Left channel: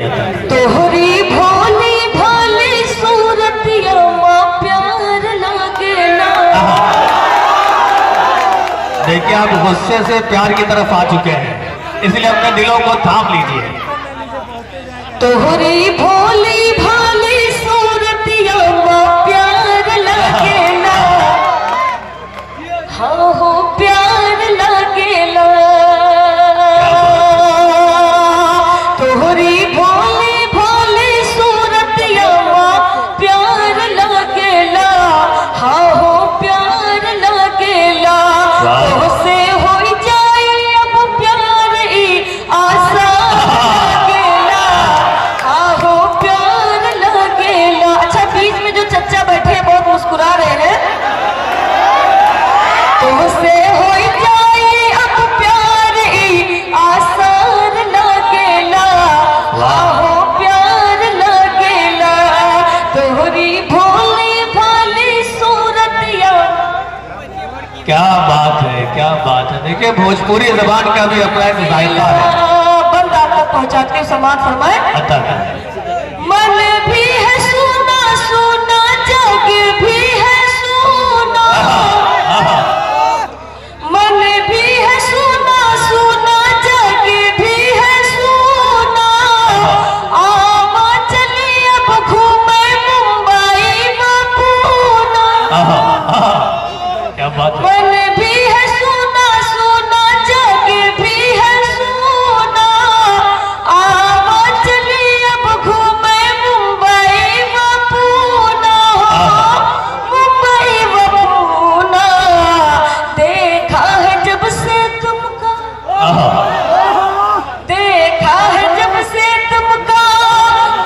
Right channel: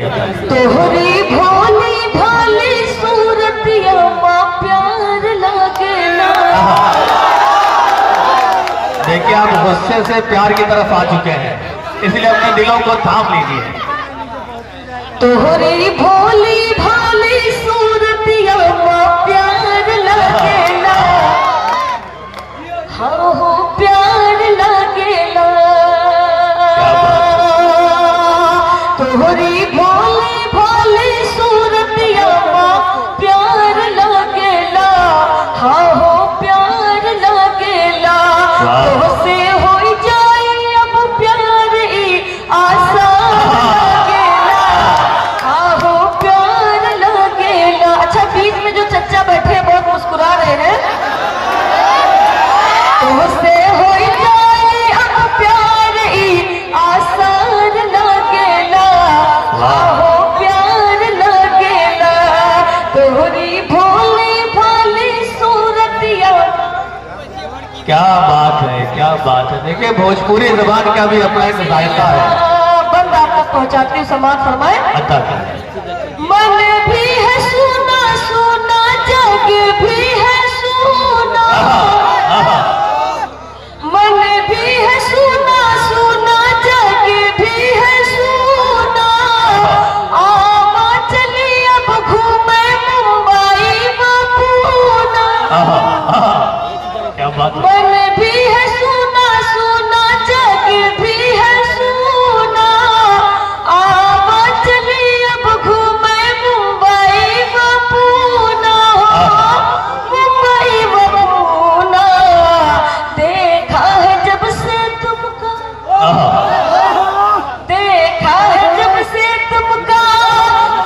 तोहरी भोली भाली सूरतिया माँ प्यार लागेला। देखिए आप गुस्से से प्यार की तरफ आ चुके हैं, इसलिए अपने दिलों को थाम लीजिए। तोहरी भोली भाली सूरतिया माँ प्यार लागेला। हाँ हो प्यार लागेला। तोहरी भोली भाली सूरतिया माँ प्यार लागेला। हाँ हो प्यार लागेला। तोहसे हो जाए अब प्यार ई आसान लागेला। हाँ हो प्यार लागेला। अच्छा बीच में जो चच्चा बैठे हैं बहुत मुस्कुरा रहे हैं। तुमसे हो जाए अब प्यार ई आसान लागेला। हाँ हो प्यार लागेला। तोहरी भोली भाली सूरतिया। क्या बात है, क्या बात है। देखिए भोजपुरी जबान का भी अपना एक जायका है। बंद आप तक पहुंचाते हैं, सम्मान फरमाए। मन भी है सुना सुना, जग भी है सुना। मन भी है सुना सुना, जग भी है सुना। आमा चली अब घूमे मुंबई में पूना। क्या बात है। मन भी है सुना सुना, जग भी है सुना। आमा चली अब घूमे मुंबई में पूना। मुंबई में पूना। देखा है जब से तुमको, देखा है जब से तुमको,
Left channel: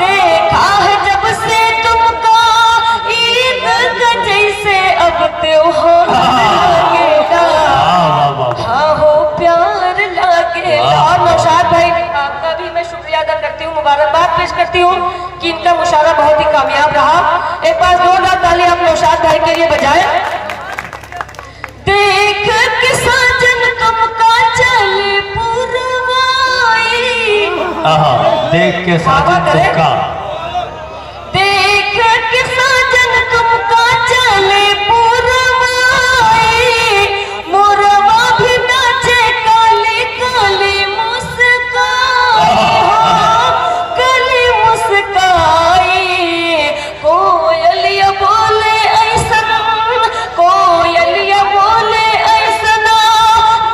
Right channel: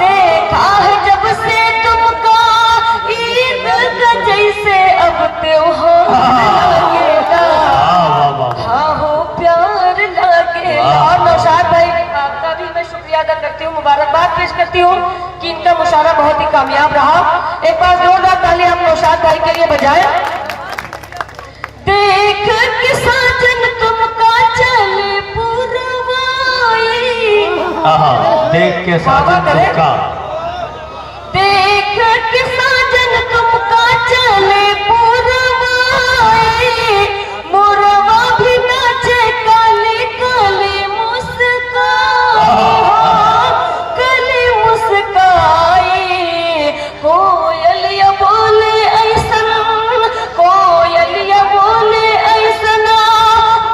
देखा है जब से तुमको। ईद का जैसे अब त्योहार लागेला। हाँ हो प्यार लागेला। और नौशाद भाई आपका भी मैं शुक्रिया अदा करती हूँ, मुबारकबाद पेश करती हूँ कि इनका मुशायरा बहुत ही कामयाब रहा। एक बार जोरदार ताली आप नौशाद भाई के लिए बजाएं। देख के साजन तुमका चले पुरवाई। देख के साजन तुमका, देख के साजन तुमका चले पुरवाई। मोरवा भी नाचे काली काली मुस्काई। काली मुस्काई। कोयलिया बोले ऐसन, कोयलिया बोले ऐसन।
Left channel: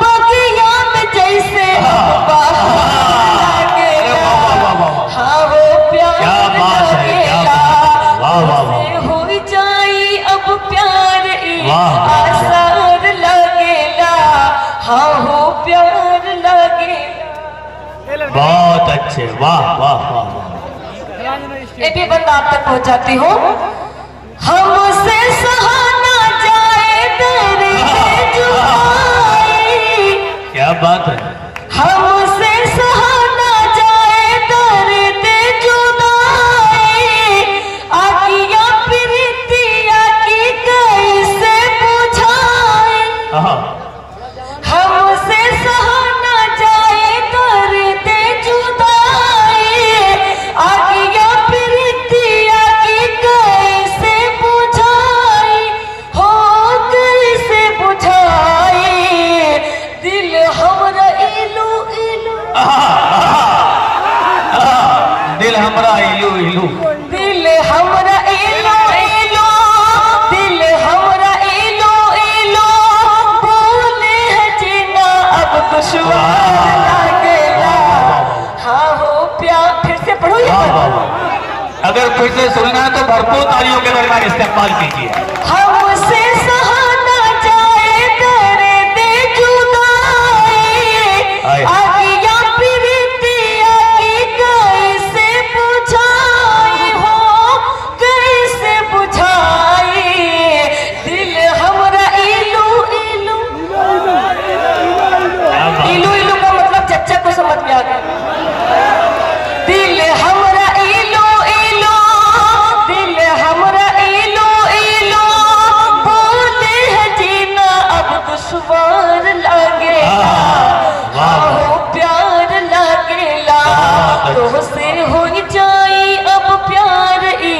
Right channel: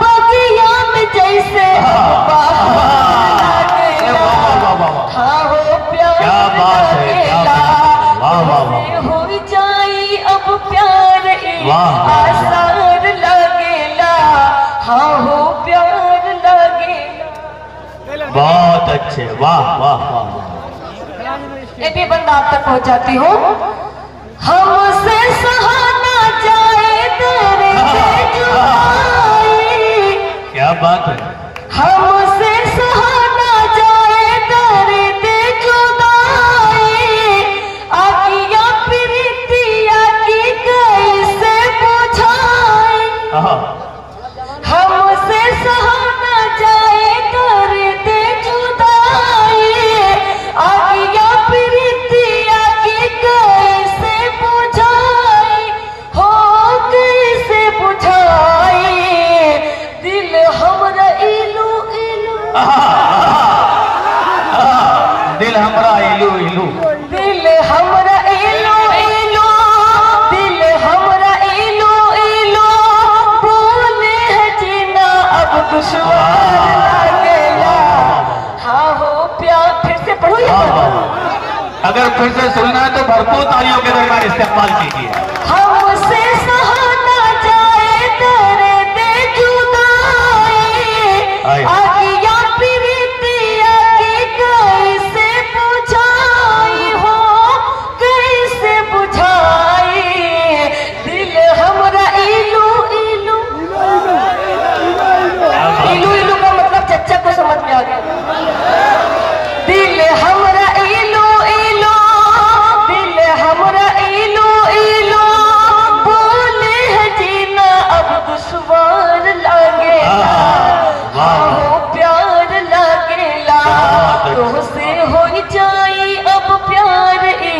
बगिया में जैसे बहार लागेला। हाँ हो प्यार लागेला। हो जाई अब प्यार ई आसान लागेला। हाँ हो प्यार लागेला। बहुत अच्छे, वाह वाह वाह। ये भी बंद आप तक पहुंचाती हूँ। हमसे सहाना जाए तेरे जुदाई। क्या बात है। हमसे सहाना जाए तेरे जुदाई। आकिया प्रीतिया की कैसे बुझाई। हमसे सहाना जाए तेरे जुदाई। आकिया प्रीतिया की कैसे बुझाई। हो कैसे बुझाई। दिल हमरा इलू इलू। दिल हमरा इलू इलू। दिल हमरा इलू इलू। दिल हमरा इलू इलू। बोले है जीना अब दुश्मन लागेला। हाँ हो प्यार। फिर से पढ़ो ये। अगर फिर से सुनना है तो भरपूर तालियों के दरमियान इस्तेमाल कीजिए। हमसे सहाना जाए तेरे जुदाई। आगिया प्रीतिया की कैसे बुझाई। हो कैसे बुझाई। दिल हमरा इलू इलू। इलू इलू का मतलब चच्चा को समझ में आ गया। दिल हमरा इलू इलू। दिल हमरा इलू इलू। बोले है जीना अब दुश्वार लागेला। हाँ हो प्यार लागेला। तुमसे हो जाई अब प्यार ई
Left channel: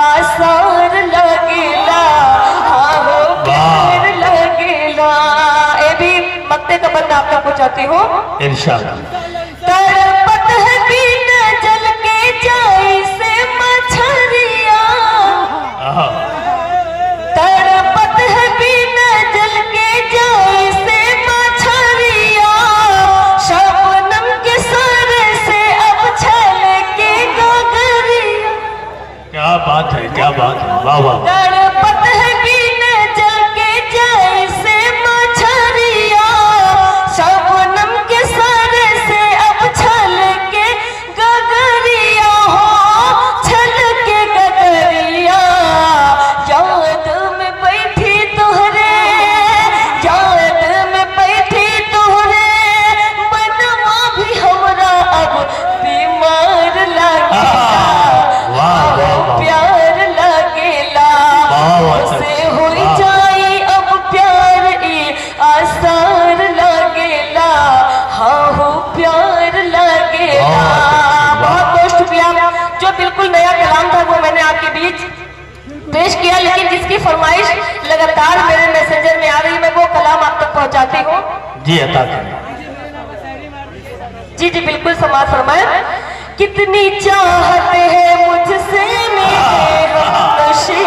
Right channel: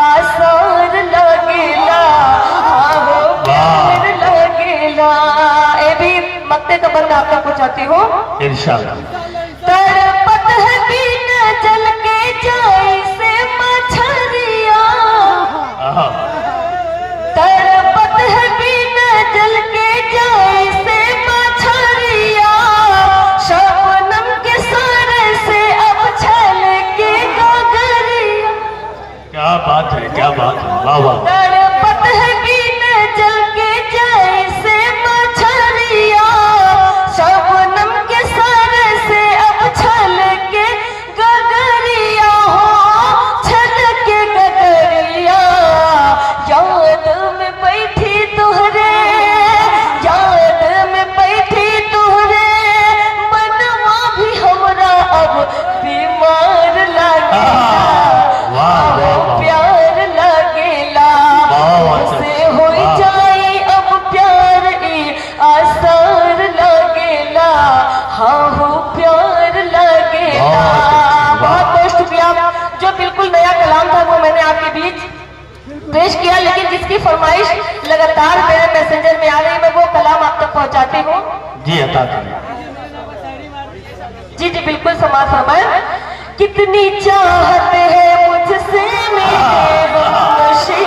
आसार लगेला, हाँ हो प्यार लगेला। ए भी मक्ते का बंदा आप तक पहुंचाती हो। इंशाल्लाह। तड़पत है बिन जल के जाई से मछरिया, तड़पत है बिन जल के जाई से मछरिया, शबनम के सर से अब छल के गगरिया। क्या बात है, क्या बात है, वाह वाह। तड़पत है बिन जल के जाई से मछरिया, शबनम के सर से अब छल के गगरिया हो, छल के गगरिया। याद में बैठी तुहरे, याद में बैठी तुहरे, मनवा भी हमरा अब बीमार लगेला, वाह वाह वाह। प्यार लगेला, से हो जाई अब प्यार ई आसार लगेला, हाँ हो प्यार लगेला। बहुत बहुत शुक्रिया। जो बिल्कुल नया कलाम था वो मैंने आपके बीच पेश किया, लेकिन जिसकी फरमाइश लगातार मेरे मैसेंजर में आ रही, मैं वो कलाम आप तक पहुंचाती हूँ। जी अता करें। जी जी बिल्कुल समाज फरमाए। कितनी चाहत है मुझसे मेरे हमनशीं,